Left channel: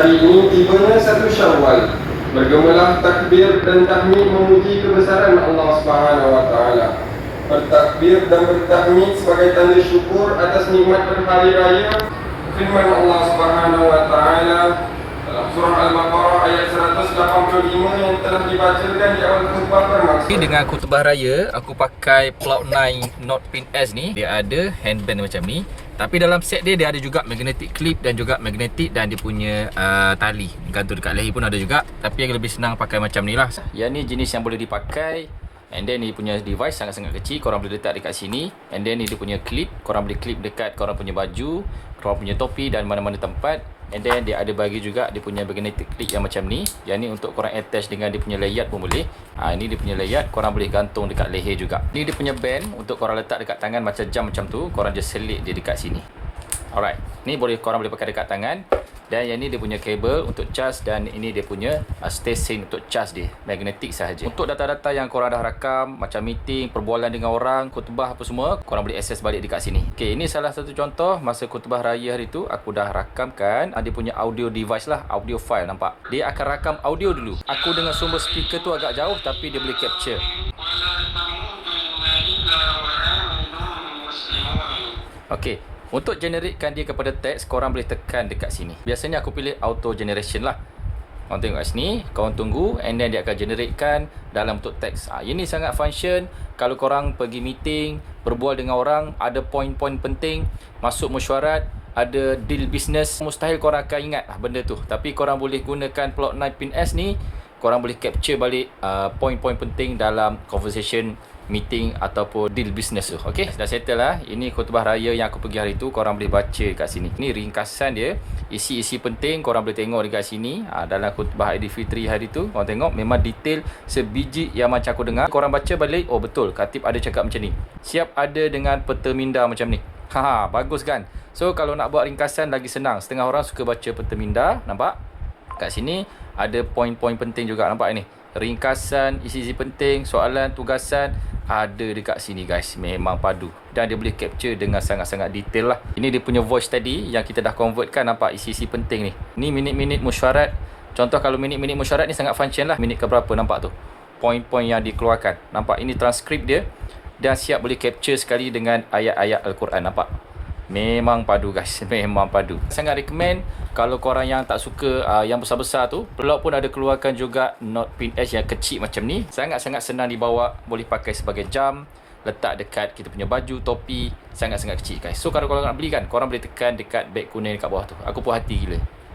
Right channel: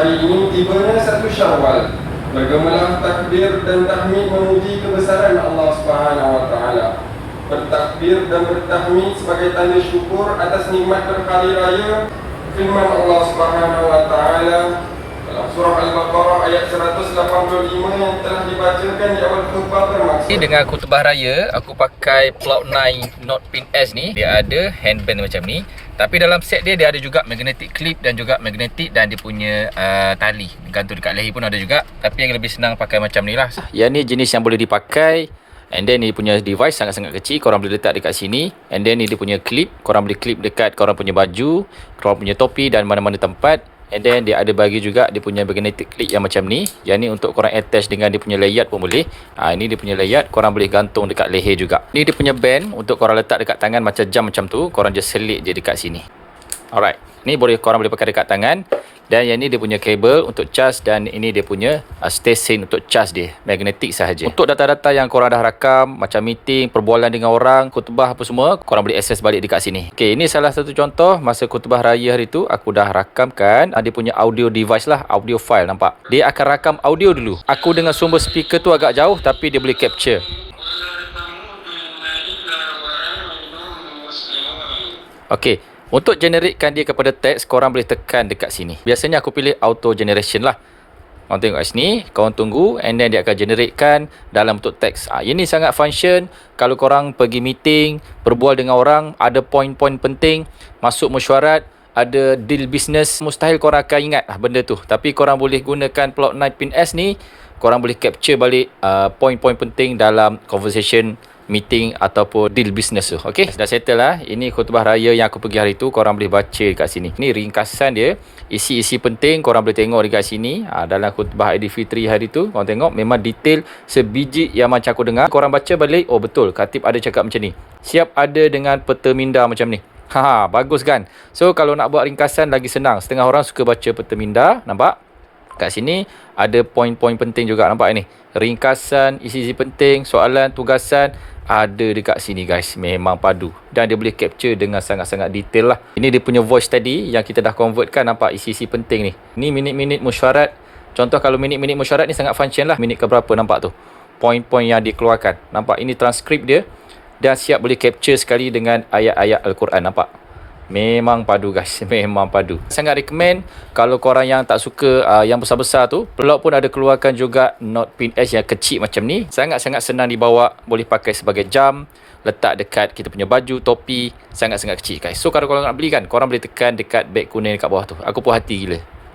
Hari ini tibanya 1 Syawal. Bergemalah takbir dan tahmid memuji kebesaran Allah Subhanahu wa taala. Bertakbir dan bertahmid sebagai tanda syukur atas nikmat berhari raya. Firman Allah Subhanahu wa taala dalam surah Al-Baqarah ayat 185 yang telah dibacakan di awal khutbah bermaksud. Dengan khutbah raya, aku pakai Cloud9 Note Pin S ni. Dia ada handband macam ni. Tapi dalam set dia ada juga magnetic clip dan juga magnetic dan dia punya tali gantung dekat leher pun ada juga. Tapi yang lebih senang pakai macam ni lah. Yang ni jenis yang boleh dipakai. And then ni punya device sangat-sangat kecil. Korang boleh letak dekat sini. And then ni dia punya clip. Korang boleh clip dekat korang punya baju, korang punya topi dan mana-mana tempat. And then dia ada bagi juga dia punya magnetic clip yang macam ni. Yang ni untuk korang attach dengan dia punya layar pun boleh. Ini dia punya layar, korang boleh gantung dekat leher juga. Ni dia punya band untuk korang letak dekat tangan macam jam macam tu. Korang just selit je dekat sini. Alright, ni korang boleh pakai dekat tangan. Dan yang ni dia punya kabel untuk charge. Dan ini dia punya station untuk charge dia, magnetik sahaja. Untuk data-data yang korang dah rakam, macam meeting, perbualan dengan orang, khutbah apa semua, korang boleh access balik dekat sini. Okay, ini salah satu contoh masa khutbah raya hari tu. Aku dah rakamkan dia punya audio device lah, audio file, nampak? Dia akan rakam audio dulu. Aku dengan sumber speaker tu agak jauh, tapi dia boleh capture. Okay, untuk generatekan dia kepada teks, korang boleh tekan dekat sini. Biasanya aku pilih auto generation lah. Korang tengok kat sini, korang tunggu and then dia akan generatekan dalam bentuk teks. Ini sangat function kalau korang pergi meeting, berbual dengan orang, ada poin-poin penting, masuk mesyuarat, ada deal business, mustahil korang akan ingat benda tu. Tapi korang boleh gunakan Cloud9 Pin S ni, korang boleh capture balik poin-poin penting dalam conversation, meeting ataupun deal business tu. Okay, dah settle lah. Ini khutbah raya yang aku pergi hari tu. Korang boleh baca kat sini. Ini ringkasan dia, isi-isi penting korang boleh tengok dekat sini. Dalam khutbah Aidilfitri hari tu, korang tengok memang detail sebiji yang macam aku dengar. Korang baca balik, oh betul, khatib ada cakap macam ni. Siap ada dengan peta minda macam ni. Bagus kan? So kalau nak buat ringkasan lagi senang. Setengah orang suka baca peta minda, nampak? Kat sini ada poin-poin penting juga, nampak ni? Ringkasan, isi-isi penting, soalan, tugasan ada dekat sini guys. Memang padu. Dan dia boleh capture dengan sangat-sangat detail lah. Ini dia punya voice tadi yang kita dah convertkan, nampak isi-isi penting ni. Ni minit-minit mesyuarat. Contoh kalau minit-minit mesyuarat ni sangat function lah. Minit ke berapa, nampak tu? Poin-poin yang dikeluarkan. Nampak ini transkrip dia. Dan siap boleh capture sekali dengan ayat-ayat Al-Quran, nampak? Memang padu guys, memang padu. Sangat recommend kalau korang yang tak suka yang besar-besar tu. Pelak pun ada keluarkan juga Note Pin S yang kecil macam ni. Sangat-sangat senang dibawa, boleh pakai sebagai jam, letak dekat kita punya baju, topi. Sangat-sangat kecil guys. So kalau korang nak beli kan, korang boleh tekan dekat beg kuning dekat bawah tu. Aku puas hati gila.